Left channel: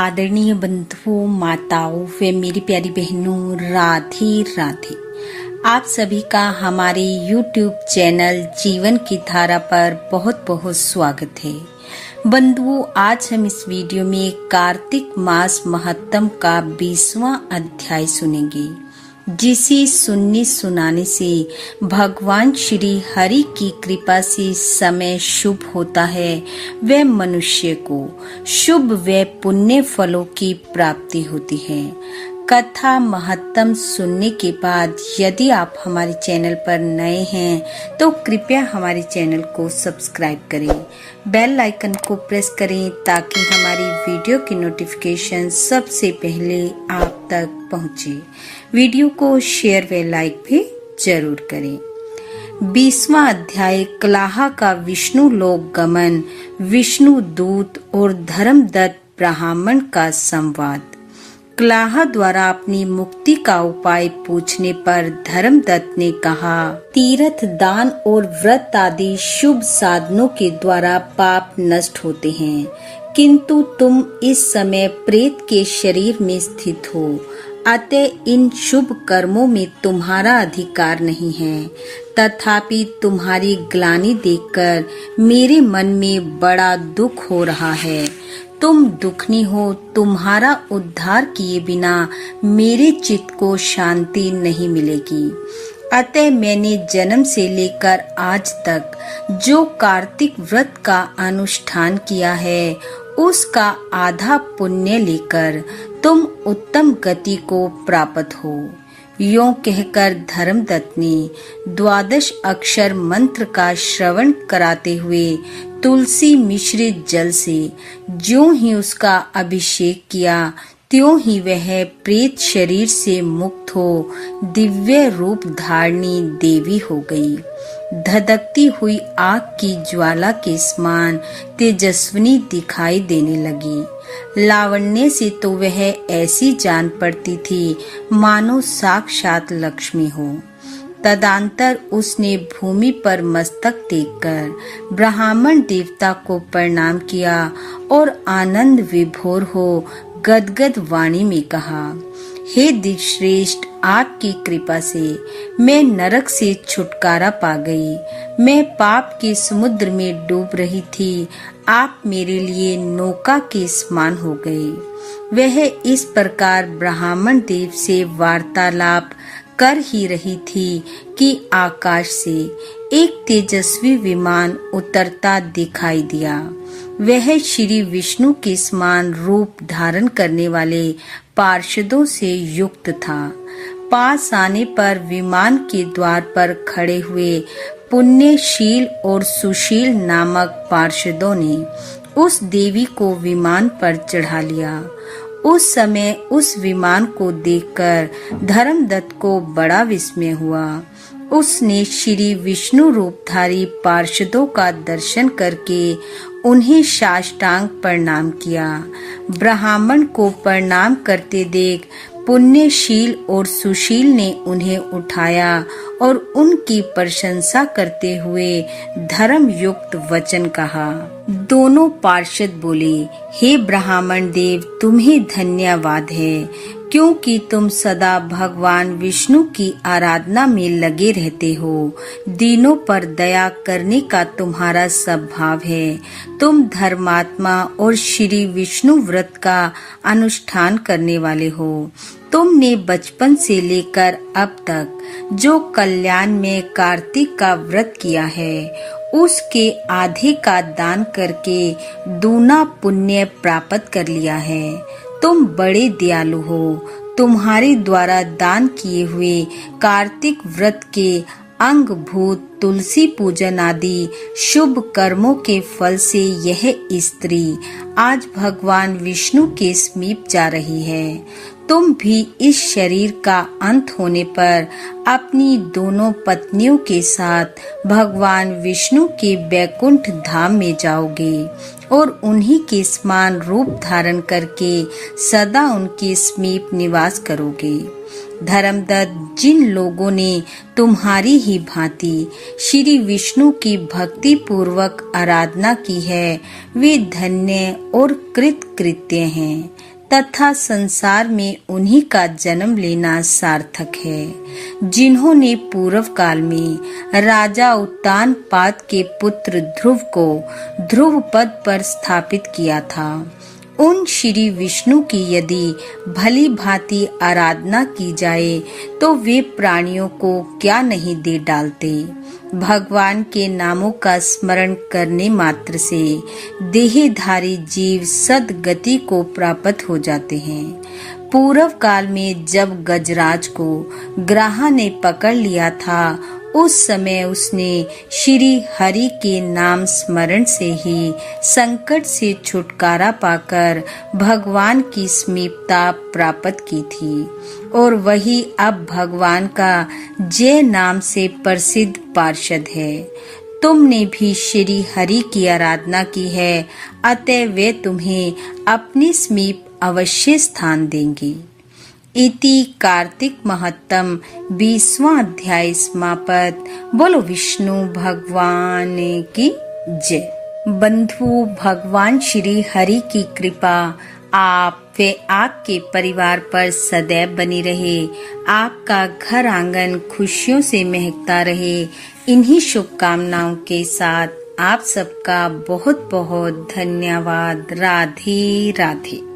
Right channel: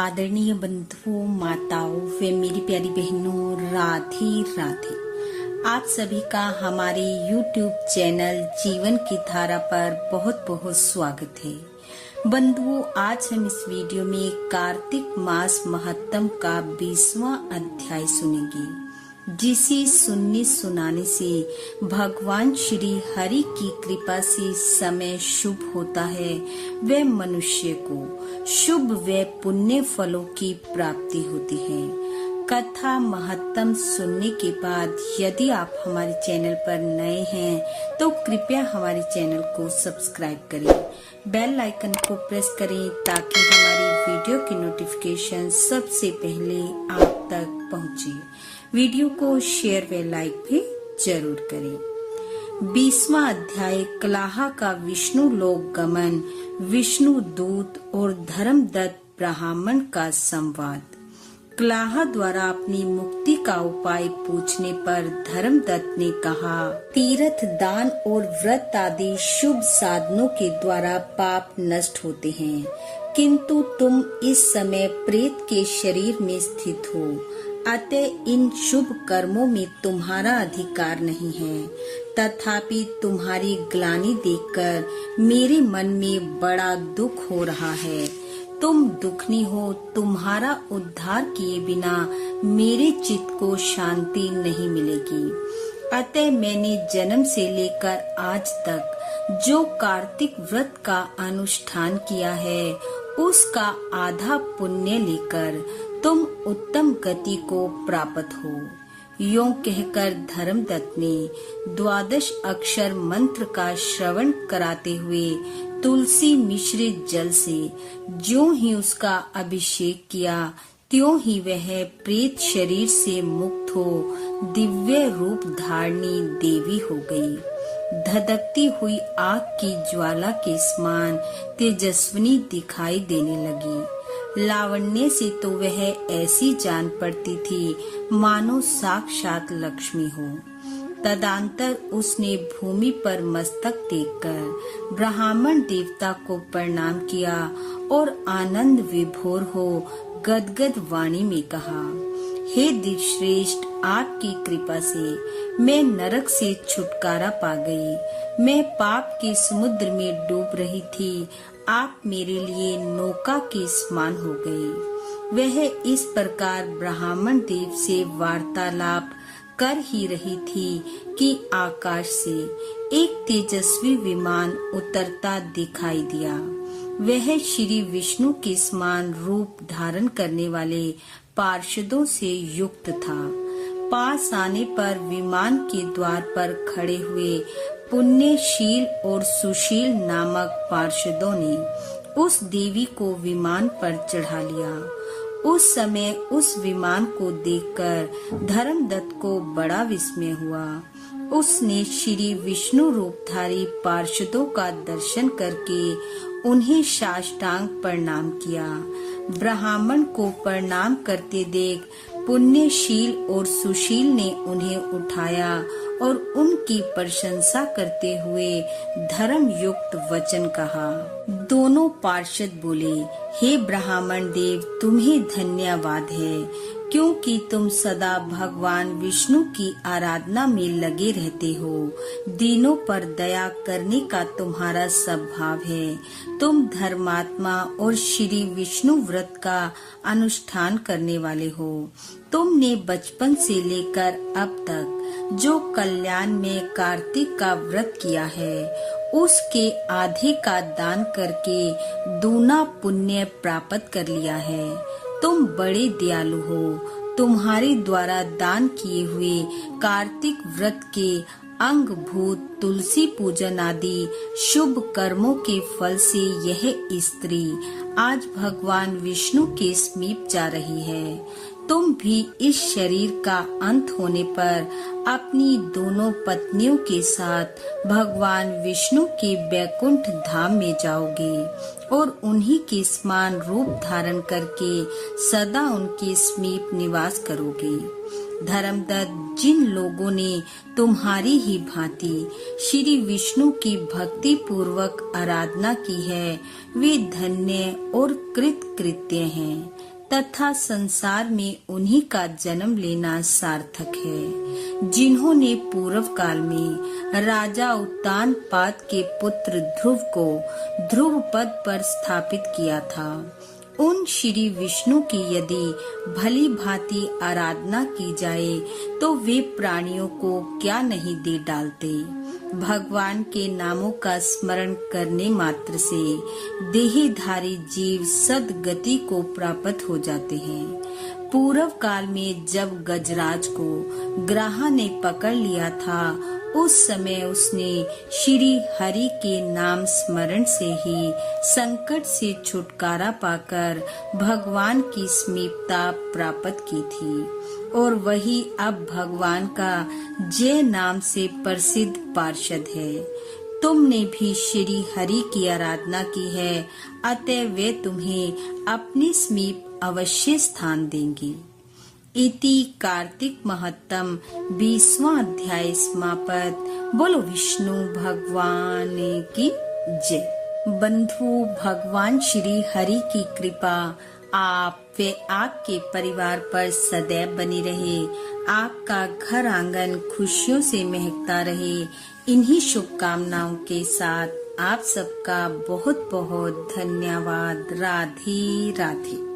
आदरणीय बंधुओं, माताओं व मेरी प्यारी बहनों, राधे राधे। आप सभी का हमारे YouTube चैनल जीवन की धारा पर बहुत बहुत स्वागत है। बंधुओं, आज हम इस वीडियो में कार्तिक मास महत्तम का 20वां अध्याय सुनेंगे, जिसे सुनने सुनाने से भगवान श्री हरि की कृपा से समय शुभ होता है व मनुष्य को शुभ व पुण्य फलों की प्राप्ति होती है। कथा महत्तम सुनने के बाद यदि आप हमारे चैनल पर नए हैं तो कृपया हमारे चैनल को सब्सक्राइब करें, बेल आइकन को प्रेस करें ताकि हमारी वीडियो की नोटिफिकेशन सबसे पहले आप तक पहुंचे। वीडियो को शेयर व लाइक भी जरूर करें। 20वां अध्याय कलाह का विष्णु लोक गमन, विष्णु दूत और धर्मदत्त ब्राह्मण का संवाद। कलाह द्वारा अपनी मुक्ति का उपाय पूछने पर धर्मदत्त ने कहा, तीर्थ दान और व्रत आदि शुभ साधनों के द्वारा पाप नष्ट होते हैं, किंतु तुम इस समय प्रेत के शरीर में स्थित हो, अतः इन शुभ कर्मों में तुम्हारा अधिकार नहीं है। तथापि तुम्हारी ग्लानि देखकर मेरे मन में बड़ा दुख हो रहा है। तुम दुखनी हो, तुम्हारा उद्धार किए बिना मेरे चित्त को शांति नहीं मिलेगी। अतः मैंने जन्म से लेकर आज तक जो कार्तिक व्रत का अनुष्ठान किया है, उसका आधा पुण्य लेकर तुम उत्तम गति को प्राप्त हो। यों कहकर धर्मदत्त ने 12 अक्षर मंत्र का श्रवण कराते हुए तुलसी मिश्रित जल से ज्यों ही उसका अभिषेक किया, त्यों ही वह प्रेत शरीर से मुक्त हो दिव्य रूप धारणी देवी हो गई। धधकती हुई आग की ज्वाला के समान तेजस्विनी दिखाई देने लगी। लावण्य से तो वह ऐसी जान पड़ती थी मानो साक्षात लक्ष्मी हो। तदंतर उसने भूमि पर मस्तक टेककर ब्राह्मण देवता को प्रणाम किया और आनंद विभोर हो गदगद वाणी में कहा, हे दिव्यश्रेष्ठ, आपकी कृपा से मैं नरक से छुटकारा पा गई। मैं पाप के समुद्र में डूब रही थी, आप मेरे लिए नौका के समान हो गए। वह इस प्रकार ब्राह्मण देव से वार्तालाप कर ही रही थी कि आकाश से एक तेजस्वी विमान उतरता दिखाई दिया। वह श्री विष्णु के समान रूप धारण करने वाले पार्षदों से युक्त था। पास आने पर विमान के द्वार पर खड़े हुए पुण्यशील और सुशील नामक पार्षदों ने उस देवी को विमान पर चढ़ा लिया। उस समय उस विमान को देखकर धर्मदत्त को बड़ा विस्मय हुआ। उसने श्री विष्णु रूपधारी पार्षदों का दर्शन करके उन्हें साष्टांग प्रणाम किया। ब्राह्मण को प्रणाम करते देख पुण्यशील और सुशील ने उन्हें उठाया और उनकी प्रशंसा करते हुए धर्म युक्त वचन कहा। दोनों पार्षद बोले, हे ब्राह्मण देव, तुम्हें धन्यवाद है, क्योंकि तुम सदा भगवान विष्णु की आराधना में लगे रहते हो। दीनों पर दया करने का तुम्हारा स्वभाव है। तुम धर्मात्मा और श्री विष्णु व्रत का अनुष्ठान करने वाले हो। तुमने बचपन से लेकर अब तक जो कल्याण में कार्तिक का व्रत किया है, उसके आधे का दान करके दूना पुण्य प्राप्त कर लिया है। तुम बड़े दयालु हो। तुम्हारे द्वारा दान किए हुए कार्तिक व्रत के अंग भूत तुलसी पूजन आदि शुभ कर्मों के फल से यह स्त्री आज भगवान विष्णु के समीप जा रही है। तुम भी इस शरीर का अंत होने पर अपनी दोनों पत्नियों के साथ भगवान विष्णु के बैकुंठ धाम में जाओगे और उन्हीं के समान रूप धारण करके सदा उनके समीप निवास करोगे। धर्मदत्त, जिन लोगों ने तुम्हारी ही भांति श्री विष्णु की भक्ति पूर्वक आराधना की है, वे धन्य और कृतकृत्य हैं तथा संसार में उन्हीं का जन्म लेना सार्थक है। जिन्होंने पूर्व काल में राजा उत्तानपाद के पुत्र ध्रुव को ध्रुव पद पर स्थापित किया था, उन श्री विष्णु की यदि भली भांति आराधना की जाए तो वे प्राणियों को क्या नहीं दे डालते। भगवान के नामों का स्मरण करने मात्र से देहधारी जीव सद्गति को प्राप्त हो जाते हैं। पूर्व काल में जब गजराज को ग्रह ने पकड़ लिया था, उस समय उसने श्री हरि के नाम स्मरण से ही संकट से छुटकारा पाकर भगवान की समीपता प्राप्त की थी, और वही अब भगवान का जय नाम से प्रसिद्ध पार्षद है। तुमने भी श्री हरि की आराधना की है, अतः वे तुम्हें अपने समीप अवश्य स्थान देंगे। इति कार्तिक महत्तम 20वां अध्याय समाप्त। बोलो विष्णु भगवान की जय। बंधु, भगवान श्री हरि की कृपा आप व आपके परिवार पर सदैव बनी रहे। आपका घर आंगन खुशियों से महकता रहे। इन्हीं शुभकामनाओं के साथ आप सबका बहुत बहुत धन्यवाद। राधे राधे।